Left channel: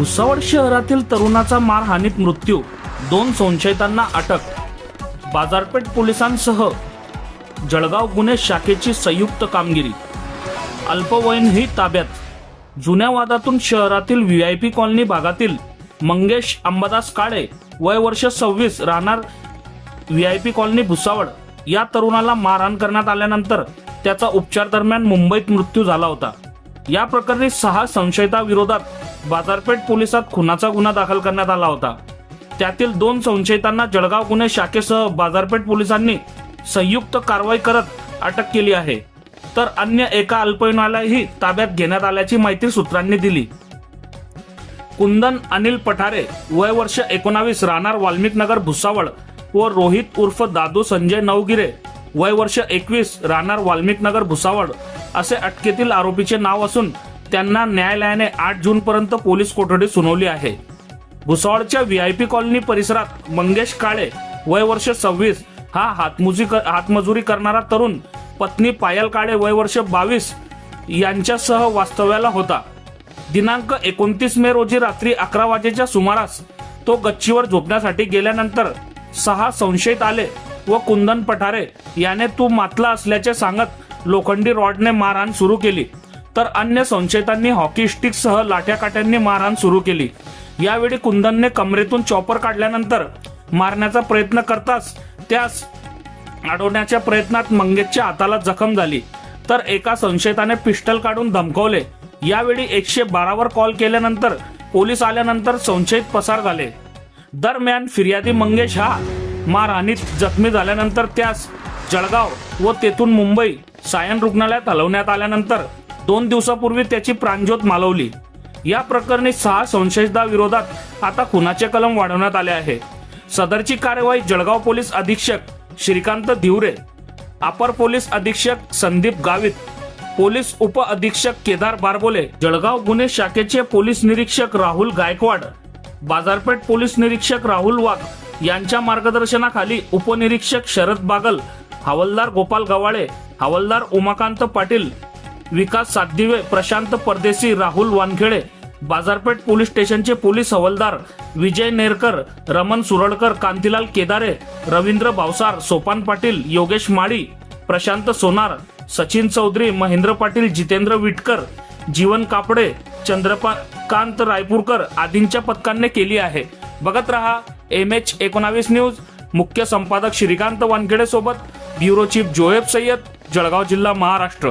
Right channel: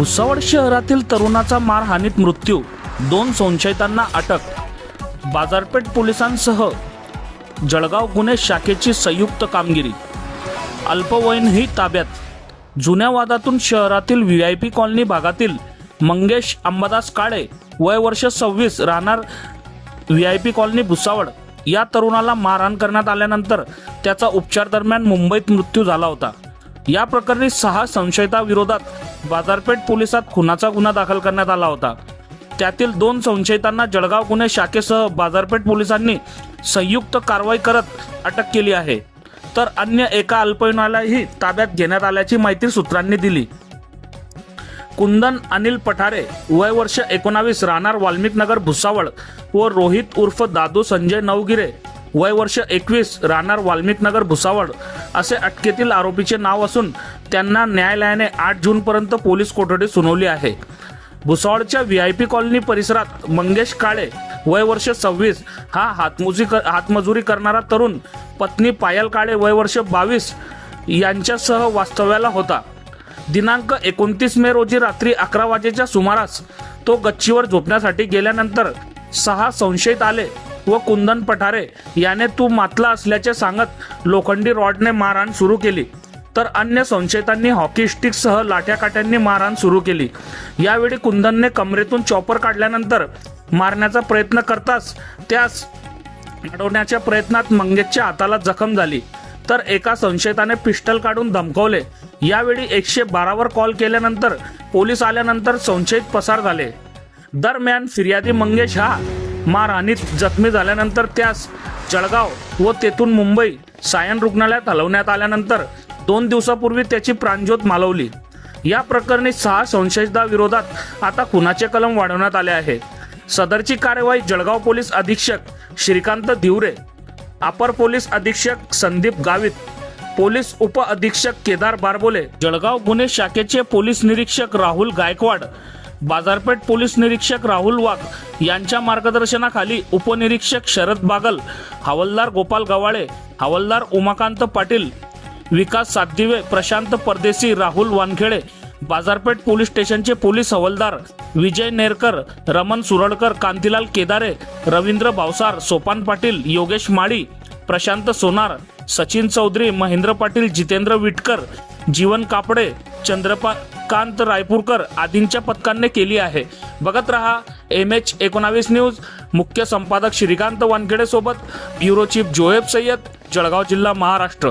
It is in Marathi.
भुसावळ शहरातील तरुणाचा मारहाणीत मृत्यू, 2 संशयितांना अटक. बाजारपेठ पोलिसांसह जळगाव गुन्हे शाखेची संयुक्त कामगिरी. अल्पवयीनही ताब्यात. जुन्या वादातून शहरातील व्हीआयपी कॉलनी भागातील मंगेश अंबादास काळे, वय वर्ष 26, राहणार व्हीआयपी कॉलनी भुसावळ, या तरुणाला मारहाण करण्यात आल्यानंतर त्याचा उपचार दरम्यान मुंबईत मृत्यू झाला होता. या प्रकरणी 6 संशयितांविरोधात बाजारपेठ पोलिसात खुनाचा गुन्हा दाखल करण्यात आला होता. त्यातील 2 संशयितांना जळगाव गुन्हे शाखेसह बाजारपेठ पोलिसांनी संयुक्त कारवाई करत अटक केली आहे. तर अन्य एका अल्पवयीनालाही ताब्यात घेण्यात आल्याची माहिती सूत्रांनी दिली. कुंदन अनिल पठारे, वय वर्ष 19, राहणार वाल्मिकनगर भुसावळ व रोहित उर्फ दादू संजय नवगिरे, वय वर्ष 21, राहणार वाल्मिकनगर भुसावळ असे अटकेतील आरोपीचे नाव असून त्यांना न्यायालयाने 8 जून पर्यंत पोलीस कोठडी सुनावली आहे. भुसावळच्या व्हीआयपी कॉलनी परिसरात मंगेश काळे, वय वर्ष 26, हा हातमजुरी करणारा तरुण पत्नी पायल काळे, वय वर्ष 22 यांच्यासह वास्तव्याला होता. दिनांक 29 मे रोजी रात्री 11 वाजेच्या सुमारास तो गच्चीवर झोपण्यासाठी गेल्यानंतर 6 संशयित आले व कुंदन पठारे याने तू मातला असल्याचे सांगत लोखंडी रॉडने मारहाण सुरू केली. तर अन्य संशयितांनी हॉकी स्टिकसह लाठ्याकाठ्यांनी मारहाण सुरू केली. यावेळी कुंदनने कमरेतून चॉपर काढल्यानंतर मारण्याचा प्रयत्न करताच त्यास अडवण्याच्या प्रयत्नात मंगेशच्या हाताला जखम झाली. तर एका संशयिताने पिस्टल काढून धमकावले. यावेळी 112 वर कॉल केल्यानंतर पोलीस आल्यानंतर संशयित पसार झाले. दरम्यान फिर्यादी मंगेश हा मारहाणीत जखमी झाल्यानंतर त्यास जळगाव व तेथून मुंबई सायन रुग्णालयात हलवण्यात आल्यानंतर 2 दिवसापूर्वी त्याची प्राणज्योत मालवली. या प्रकरणी 6 संशयितांविरोधात आता खुनाचे कलम वाढवण्यात आले आहे. सदरची कार्यवाही जळगाव पोलीस अधीक्षक श्रीकांत धिवरे, अपर पोलीस अधीक्षक संदीप गावित, पोलीस उप अधीक्षक केदार बारबोले, जळगाव गुन्हे शाखेचे पोलीस निरीक्षक राहुल गायकवाड, बाजारपेठ पोलीस निरीक्षक राहुल वाघ यांच्या मार्गदर्शनाखाली उपनिरीक्षक शरद बागल, हवालदार गोपाल गवाळे, हवालदार उमाकांत पाटील, विकास सातदिवे, प्रशांत परदेशी, राहुल वानखेडे, बाजारपेठ पोलीस स्टेशनचे पोलीस हवालदार विजय नेरकर, रमण सुरळकर, कांतीलाल केदारे, रवींद्र भावसार, सोपान पाटील, योगेश माळी, प्रशांत सोनार, सचिन चौधरी, महेंद्र पाटील, जितेंद्र विटकर, जीवन कापडे, चंद्रकांत रायपूरकर आदींच्या पथकांनी केली आहे. बघत रहा MH19 न्यूज. मुख्य संपादक श्रीकांत वानखेडे सोबत ब्युरो चीफ जोएब सय्यद, जळगाव जिल्हा, महाराष्ट्र.